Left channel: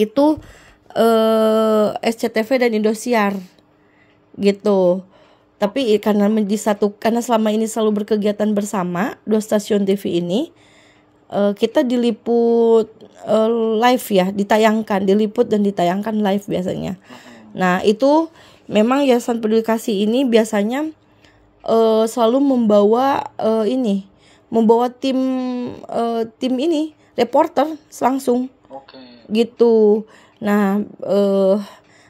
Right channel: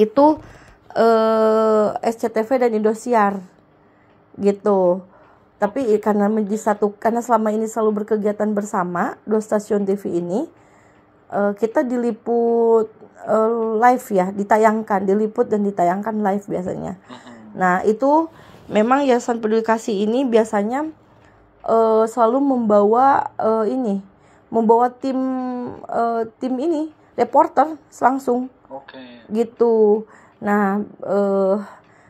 itu SCTV dan Indosiar gitu. Tapi karena karena selama ini selalu berkegiatan bersama dua stasiun TV ini, kita diliput live ya, diliput dan ditayangkan live biasanya. Nah itu memang Yayasan Peduli Kasih ini biasanya selalu membawa tim ini reporter langsung, gitu. Nah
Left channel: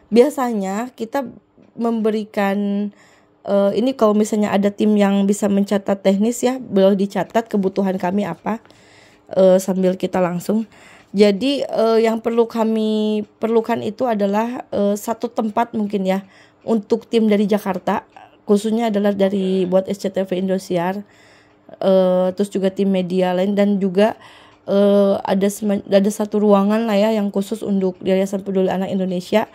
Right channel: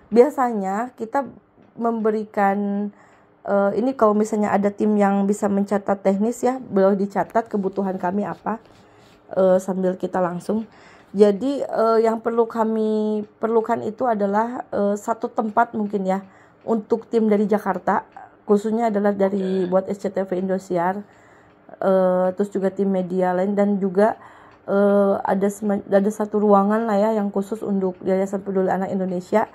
biasanya kita memberikan ini kalau misalnya ada tim yang bisa mencatat teknis ya, boleh dicatat kebutuhan kami apa, sambil kita langsung. Jadi yang kami perlukan itu adalah satu tempat mungkin ya untuk tim dari Jakarta, khususnya adalah dari buat SCTV Indosiar, terus juga tim media lain, dan juga ada satu ruangan lah ya yang khusus untuk Yayasan Peduli Anak Indonesia,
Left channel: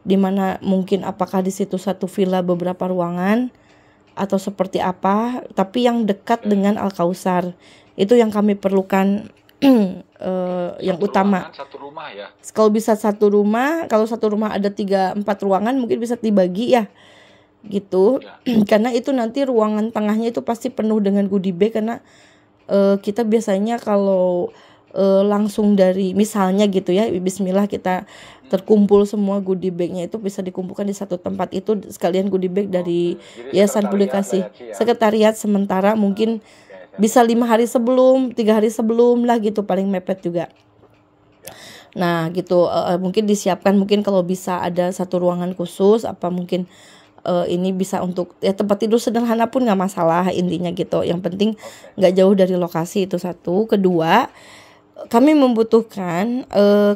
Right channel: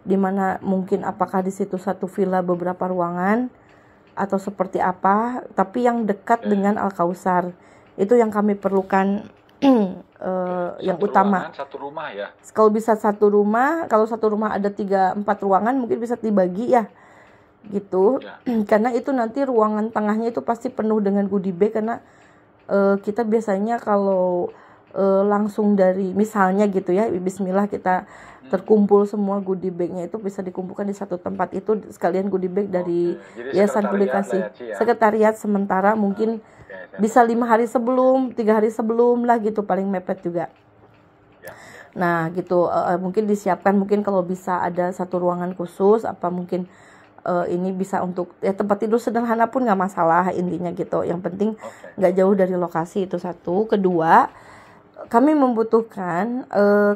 di mana mungkin apakah di situ satu villa beberapa ruangan atau seperti apa, tapi yang dekat dengan Al-Kausar. Itu yang kami perlukan yang Satu utama. ruangan, satu rumah ya. Kalau bisa satu rumah, kalau satu rumah ada 3-4 ruangan mungkin bisa dibagi ya. Gitu. Karena itu nanti ruangan tengahnya itu pasti penuh dengan goodie bag, karena kita biasanya kalau langsung dari misalnya gitu ya, bismillah kita terkumpul semua goodie bagnya itu bisa dikumpulkan di satu tempat, itu sekalian goodie bag dari Yayasan Peduli Kasih. Sekretariat sementara mungkin bisa 5 hari sebelum, 3 hari sebelum lah gitu, paling mepet juga. Nah gitu, mungkin disiapkan, mungkin kalau bisa ada satu ruangan khusus, apa mungkin ini bisa untuk ya tempat tidur sederhana pun nggak masalah intinya gitu. Yang penting nggak jauh dari lokasi, itu satu. Kedua, kami membutuhkan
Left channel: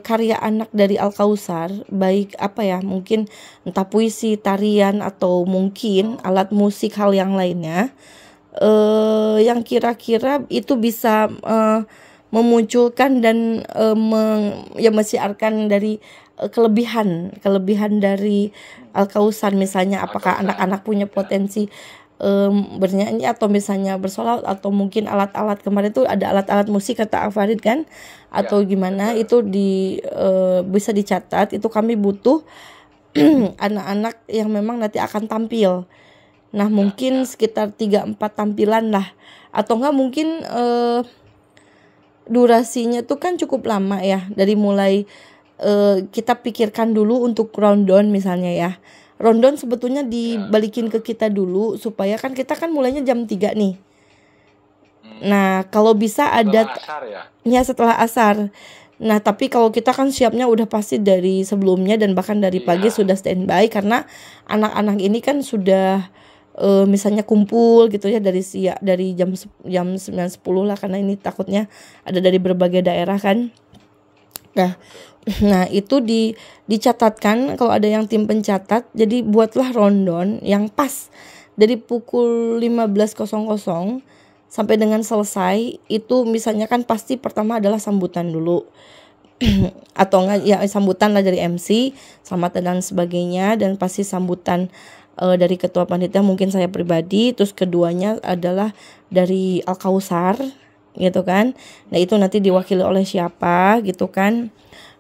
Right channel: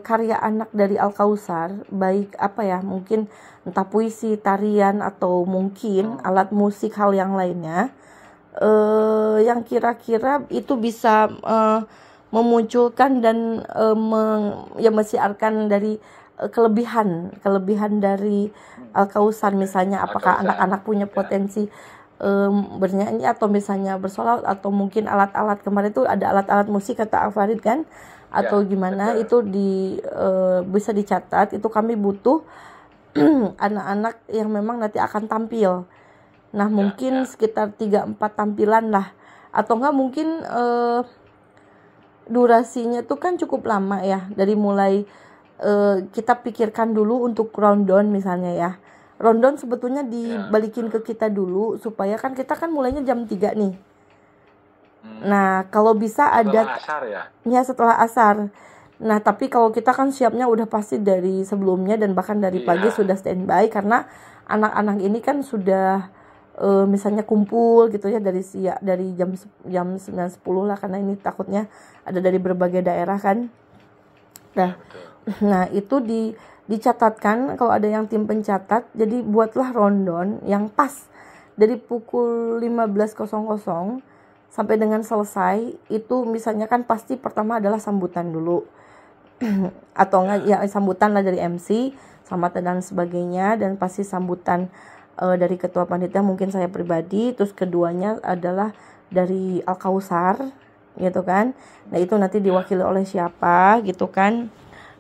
karya anak dari Al-Kausar, baik apa ya, mungkin entah puisi, tarian, atau mungkin alat musik, hal yang lainnya, yang kira-kira itu bisa memunculkan dan mensiarkan dari kelebihan dari Al-Kausar, misalnya apakah anak-anak punya potensi bernyanyi atau misalnya bersolawat, atau mungkin alat-alat, kemarin itu ada alat-alat musik kata Afarid kan, atau gimana itu bisa dicatat. Itu kami butuh anak-anak yang memang nanti akan tampil. Nah mungkin sekitar 3-4 tampilan lah, atau enggak mungkin durasinya tuh kan cukup lama ya, dari mulai kita pikirkan dulu untuk rundown misalnya ya. Rundown sebetulnya dibalikin ke kita dulu, supaya kan kita kan mulainya jam 3 nih. Nah kalau bisa ada setelah asar. Nah tapi kalau kita kan siapnya udah pasti dari sebelumnya, dan bahkan dari pagi sudah standby, karena anak-anak ini kan sudah misalnya kumpul gitu ya dari jam 9-10 lah, karena ini takutnya ada dari berbagai daerah kan. Nah itu dicatatkan kalau ada yang tim pencatat. Jadi buatlah rundown yang pas dari pukul 15.00 sampai dengan selesai. Itu misalnya kan pasti pertama adalah sambutan dulu atau enggak ya, sambutan lah dari MC, selamat dan sebagainya, dan pasti sambutan dari ketua panitia, mungkin saya pribadi. Terus keduanya adalah dari Al-Kausar gitu kan. Nah itu nanti diwakili oleh siapa gitu kan.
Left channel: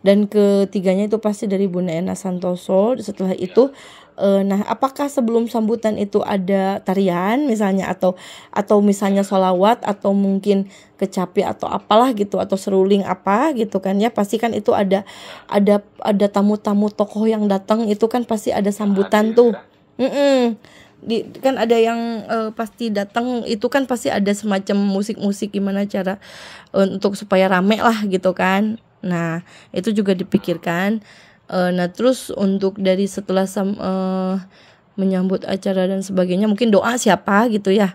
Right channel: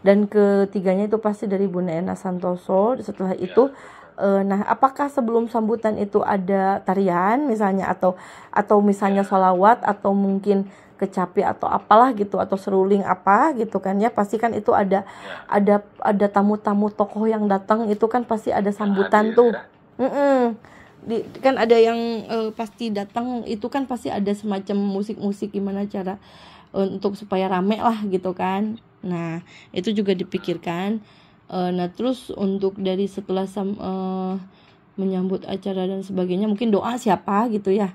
Dan ketiganya itu pasti dari Bunda Ena Santoso. Setelah itu nah apakah sebelum sambutan itu ada tarian misalnya, atau misalnya sholawat, atau mungkin kecapi atau apalah gitu, atau seruling apa gitu kan ya, pasti kan itu ada tamu-tamu tokoh yang datang, itu kan pasti ada sambutan tuh. Kan ada yang pasti datang, itu kan pasti ada semacam musik-musik gimana cara untuk supaya rame lah gitu kan. Nah itu juga dipikirkan. Nah terus untuk dari setelah menyambut acara dan sebagainya, mungkin doa siapa gitu ya.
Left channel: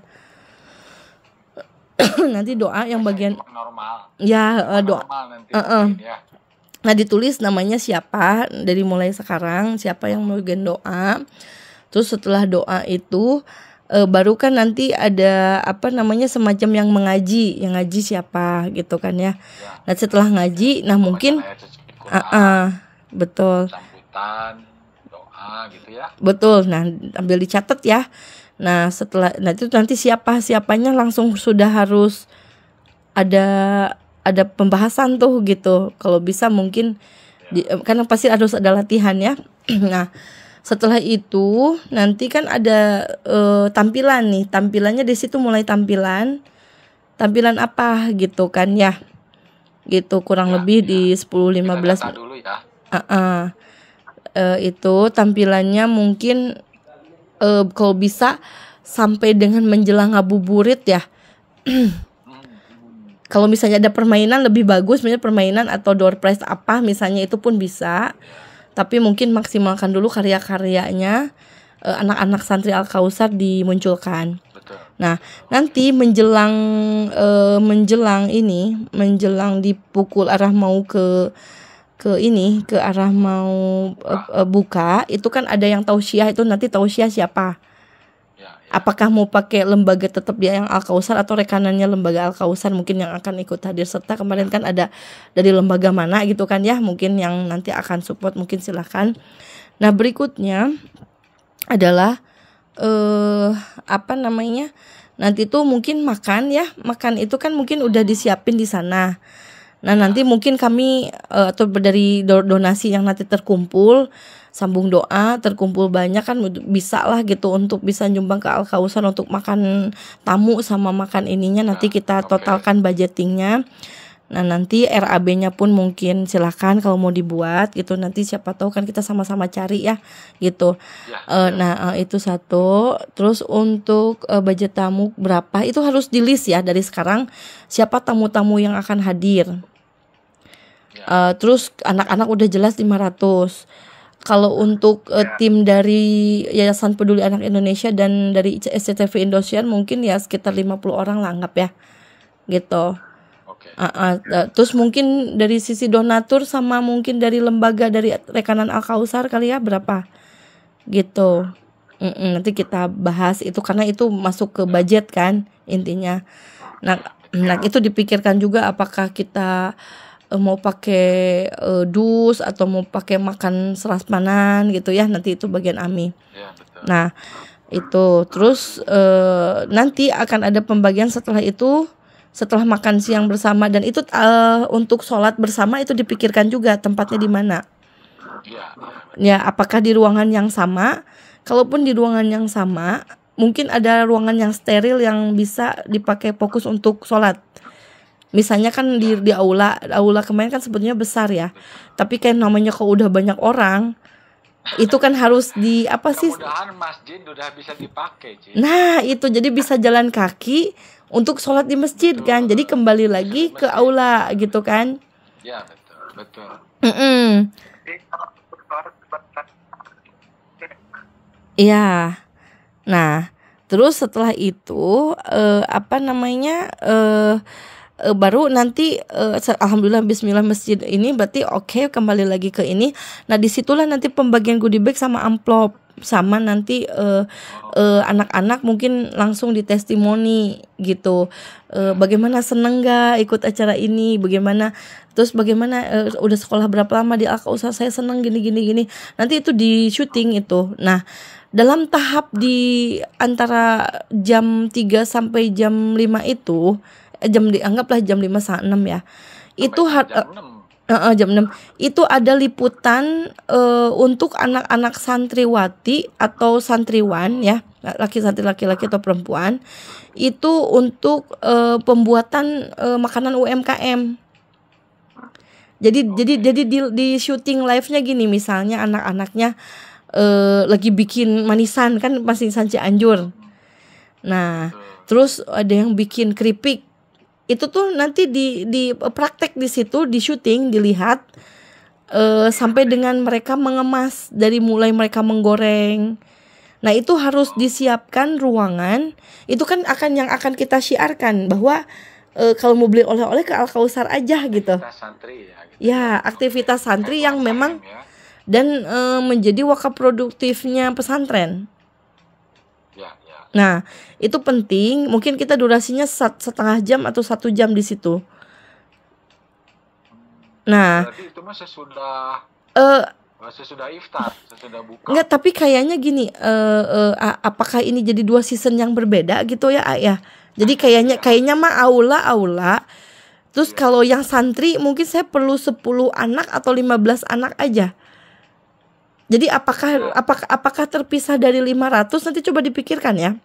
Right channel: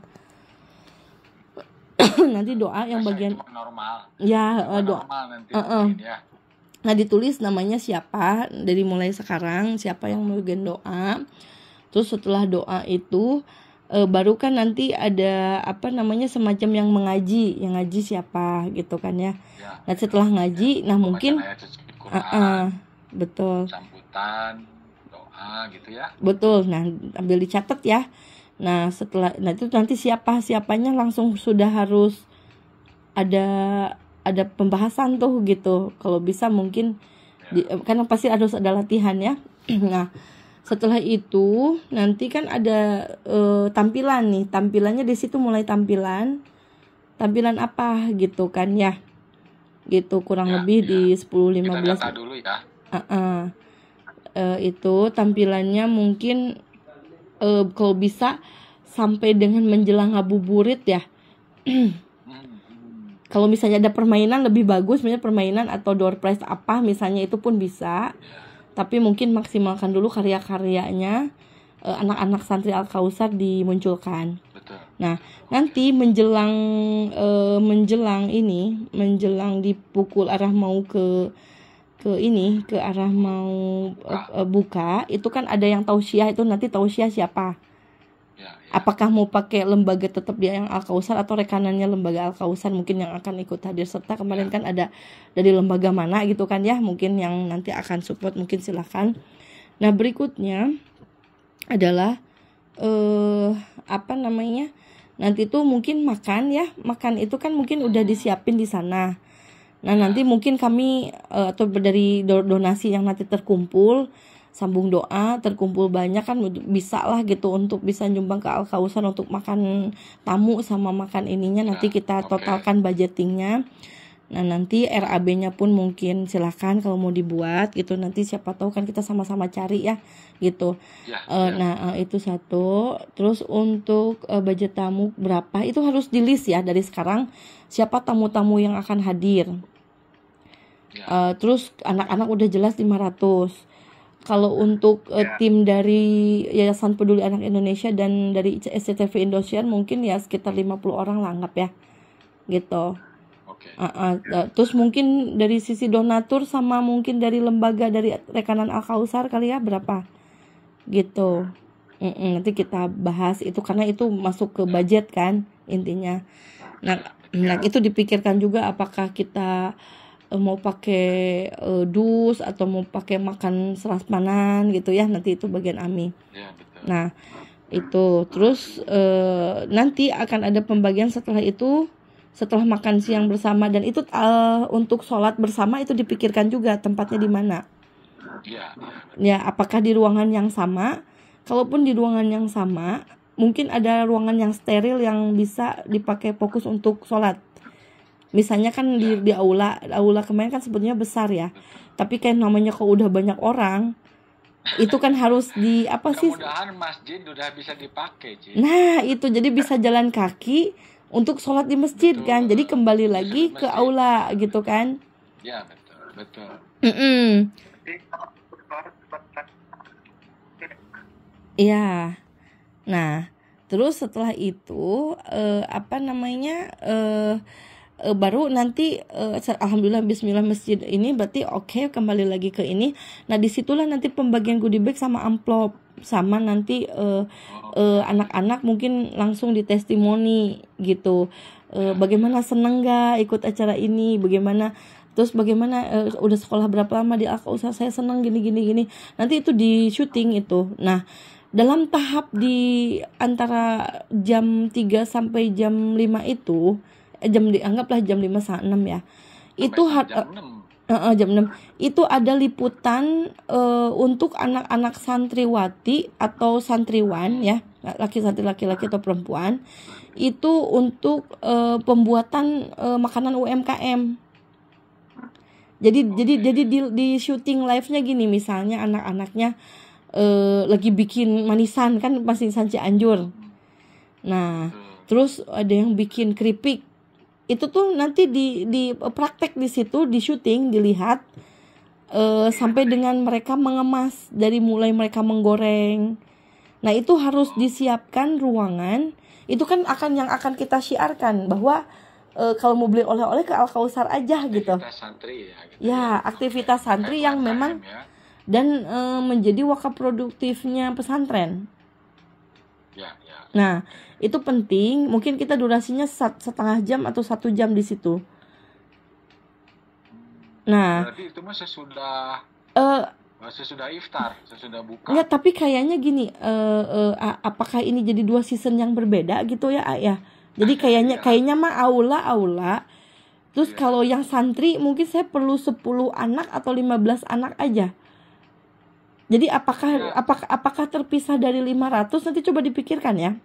Nanti doa yang bagian normal. Ya doa nanti, ya. Nah ditulis namanya siapa, dari mulai sekarang siapa yang bagian doa. Terus setelah doa itu baru kan nanti ada apa namanya, semacam yang ngaji siapa gitu kan ya. Nah setelah ngaji, nah mungkin betul, sambutan, doa gitu ya. Betul. Nah ambil dicatat ya. Nah setelah itu nanti siapanya langsung sudah harus ada pembahasan tuh gitu. Kalau bisa mungkin Karena pasti harus ada latihan ya. Nah, setelah itu nanti kan ada tampilan nih. Tampilannya di situ mulai tampilan apa gitu kan ya. Gitu kurang lebih di 10-15 dulu ya. Itu tampilannya mungkin kalau bisa sampai dengan menjelang ngabuburit ya. Kalau misalnya ada permainan lebih bagus, misalnya permainan atau door prize apa misalnya, itu pun bisa. Tapi mungkin maksimalkan dulu karya-karyanya anak-anak santri Al-Kausar dimunculkan. Betul. Nah, nanti menjelang dipukul arah mau ke arah mau buka, itu kan ada yang tausiah, itu nanti tausiah siapa? Apakah mau pakai lembaga tetap dia yang Al-Kausar atau rekanannya lembaga Al-Kausar mungkin yang akan ikut hadir serta. Kemarin kan ada dari lembaga mana gitu kan ya, mungkin yang nanti akan support, mungkin silahkan. Nah, berikutnya adalah nanti tuh mungkin makan itu kan mungkin udah disiapin di sana. Nah, nanti mungkin kami atau dari donasi yang nanti terkumpul, sambung doa, terkumpul banyak kan bisa lah gitu untuk bisa nyumbang ke Al-Kausar untuk makan tamu sama makan ininya, nanti kita totalkan budgetingnya. Nah, nanti RAB-nya pun mungkin silahkan kalau mau dibuat gitu, nanti siapa tahu kan kita sama-sama cari ya gitu. Nah, itu satu. Terus untuk budget tamu berapa itu harus di list ya dari sekarang, siapa tamu-tamu yang akan hadir. Terus anak-anak udah jelas 500. Kalau untuk tim dari Yayasan Peduli Anak Indonesia dan dari SCTV Indosiar mungkin ya sekitar 50 orang lah anggap ya gitu. Terus mungkin dari sisi donatur sama mungkin dari lembaga dari rekanan Al-Kausar kali ya berapa gitu. Nanti kita bahas itu karena itu masuk ke budget kan intinya. Nah itu dipikirkan juga apakah kita mau pakai dus atau mau pakai makan serasmanan gitu ya, nanti itu bagian AMI. Nah itu terus nanti akan ada pembagian setelah itu, setelah makan siang bersama, dan itu untuk sholat bersama itu dipikirkan juga tempatnya di mana ya, apakah di ruangan yang sama. Kalaupun di ruangan yang sama mungkin ada ruangan yang steril yang bisa dipakai fokus untuk sholat. Misalnya kan di aula kemarin kan sebetulnya besar ya, tapi kayak namanya kalau udah banyak orang itu kan harus di apa sih? Mudah-mudahan masjid udah bisa dipakai. Nah itu jadi bisa jalan kaki untuk sholat di masjid. Betul. Kan, jadi kembali lagi ke aula gitu kan? Ya betul. Iya. Nah terus setelah itu baru nanti alhamdulillah bismillah masjid ini berarti oke, kembali lagi ke ini. Nah disitulah nanti pembagian goodie bag sama amplop, sama nanti anak-anak mungkin langsung di testimoni gitu, bagaimana seneng gak ikut acara ini, bagaimana udah sekolah berapa lama di Al-Kausar, saya seneng gini nanti itu di syuting itu. Nah dalam tahap di antara jam 3 sampai jam 5 itu anggaplah jam 5 sampai 6 ya. Itu jam 6 itu ada liputan untuk anak-anak santriwati atau santriwan ya, laki-laki atau perempuan, itu untuk pembuatan makanan UMKM. Jadi di syuting live-nya gini, misalnya anak-anaknya lagi bikin manisan kan, manisan Cianjur. Nah, terus ada yang bikin keripik. Itu tuh nanti di praktek di situ, di syuting, dilihat sampai dengan mereka mengemas, dari mulai mereka menggoreng. Nah itu harus disiapkan ruangan. Itu kan yang akan kita syiarkan bahwa kalau mau beli oleh-oleh ke Al-Kausar aja gitu. Aktivitas santri ya. Gitu. Ya aktivitas santri yang memang ya. Dan menjadi wakaf produktifnya pesantren. Ya. Nah itu penting, mungkin kita durasinya setengah jam atau 1 jam di situ. Nah, berarti itu mah sesudah iftar, sesudah buka. Enggak, tapi kayaknya gini, apakah ini jadi 2 season yang berbeda gitu ya, Ayah? Jadi kayaknya mah aula Terus kalau yang santri mungkin saya perlu 10 anak atau 15 anak aja. Jadi apakah terpisah dari 500, nanti coba dipikirkan ya.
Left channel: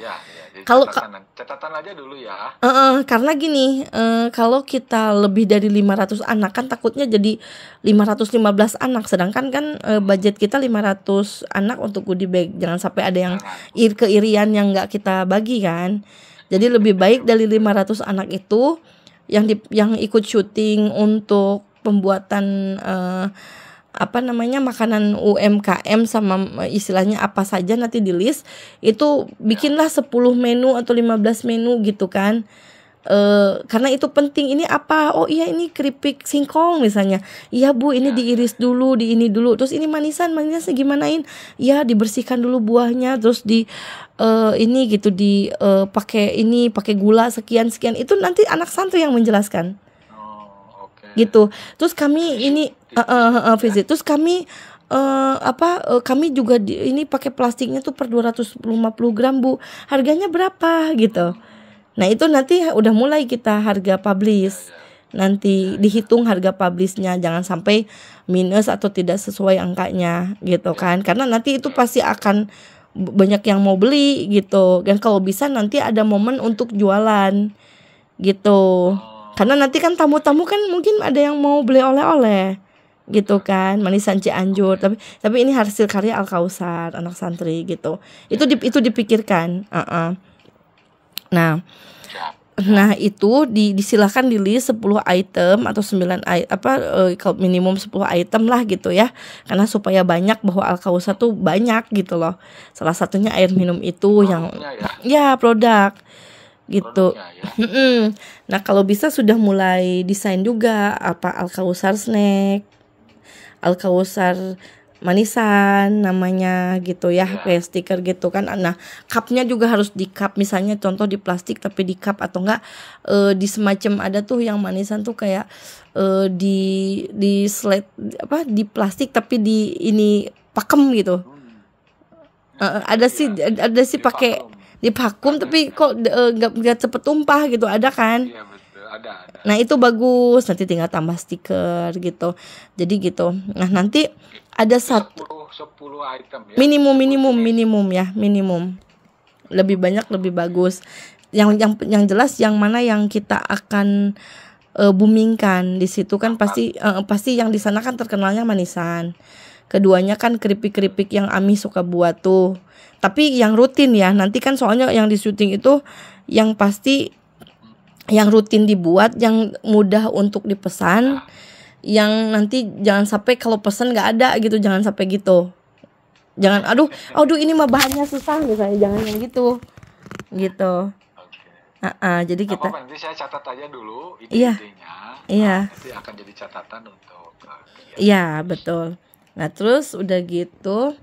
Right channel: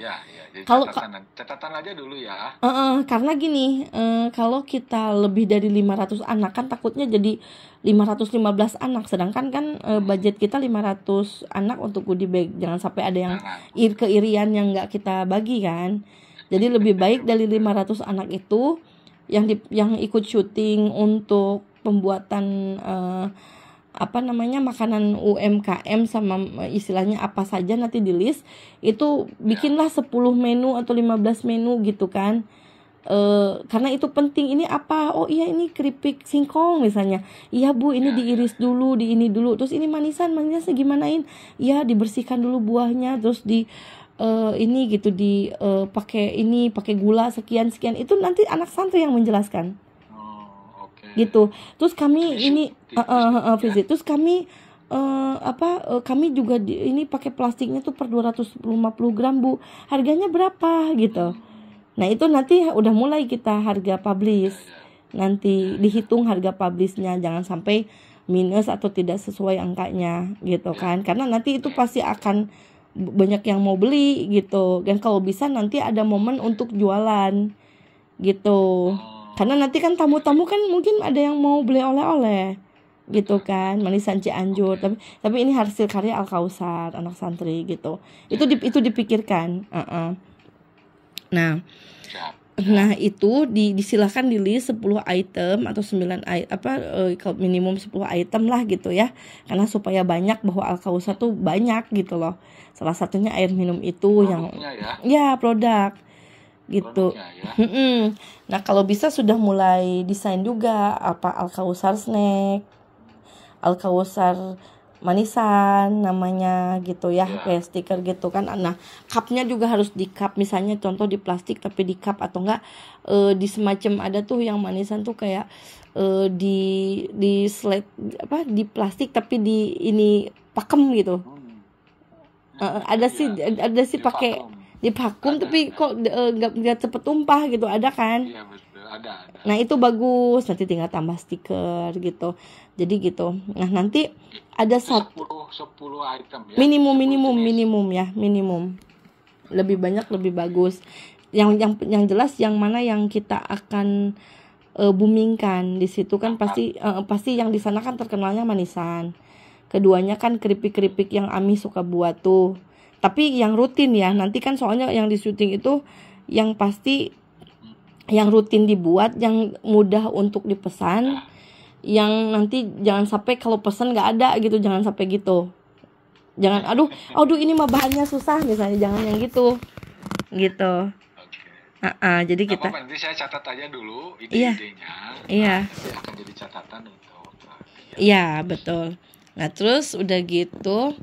Ya, jadi Kalau catatan aja dulu ya. Karena gini, kalau kita lebih dari 500 anak kan takutnya jadi 515 anak, sedangkan kan budget kita 500 anak untuk goodie bag. Jangan sampai ada yang keirian yang nggak kita bagi kan. Jadi lebih baik dari 500 anak itu yang ikut syuting untuk pembuatan makanan UMKM sama istilahnya apa saja nanti di list itu, bikinlah 10 menu atau 15 menu gitu kan. Karena itu penting. Ini apa? Oh iya, ini keripik singkong misalnya. Iya Bu, ini diiris dulu, di ini dulu. Terus ini manisnya gimanain? Iya, dibersihkan dulu buahnya, terus ini gitu pakai gula sekian. Itu nanti anak santri yang menjelaskan. Gitu. Terus kami ini visit. Terus kami kami juga ini pakai plastiknya tuh per 250 gram Bu. Harganya berapa gitu. Nah, itu nanti udah mulai kita harga publish. Nanti dihitung harga publishnya, jangan sampai minus atau tidak sesuai angkanya gitu kan. Karena nanti itu pasti akan banyak yang mau beli gitu. Dan kalau bisa nanti ada momen untuk jualan gitu. Karena nanti kan tamu-tamu kan mungkin ada yang mau beli oleh-oleh gitu kan, manisan Cianjur, tapi ini hasil karya Al Kausar anak santri gitu. Itu dipikirkan. Nah itu disilahkan di list 10 item atau 9 minimum 10 item lah gitu ya. Karena supaya banyak, bahwa Al Kausar tuh banyak gitu loh. Salah satunya air minum itu produk gitu. Nah, kalau bisa sudah mulai desain juga Al Kausar snack, Al Kausar manisan namanya gitu ya, kayak stiker gitu kan. Nah, cupnya juga harus di cup, misalnya contoh di plastik tapi di cup, atau enggak di semacam ada tuh yang manisan tuh kayak di slide di plastik tapi di ini pakem gitu. Ada sih pakai di vakum tapi kok nggak cepet tumpah gitu, ada kan? Iya betul, ada. Nah itu bagus, nanti tinggal tambah stiker gitu. Jadi gitu. Nah nanti ada 10 item ya. Minimum. Lebih banyak lebih bagus. Yang jelas yang mana yang kita akan boomingkan di situ kan pasti yang di sana kan terkenalnya manisan. Keduanya kan keripik-keripik yang Ami suka buat tuh. Tapi yang rutin ya, nanti kan soalnya yang di syuting itu yang pasti yang rutin dibuat, yang mudah untuk dipesan, yang nanti jangan sampai kalau pesan nggak ada gitu, jangan sampai gitu. Jangan aduh ini mah bahannya susah misalnya, jangan yang gitu. Jadi kita nanti saya catat aja dulu ide-idenya. Nanti akan jadi catatan untuk Iya, betul. Nah, terus udah gitu